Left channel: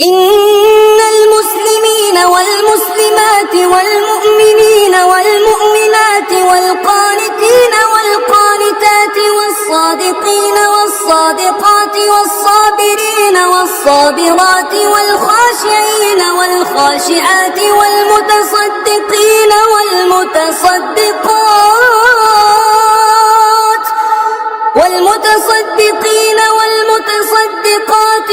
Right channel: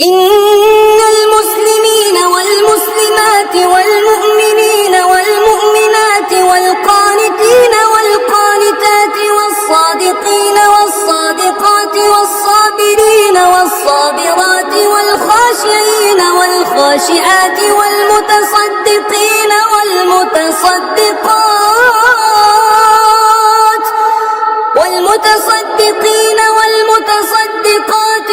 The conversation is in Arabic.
إن المسلمين والمسلمات والمؤمنين والمؤمنات والقانتين والقانتات والصادقين والصادقات والصابرين والصابرات والخاشعين والخاشعات والمتصدقين والمتصدقات والمتصدقات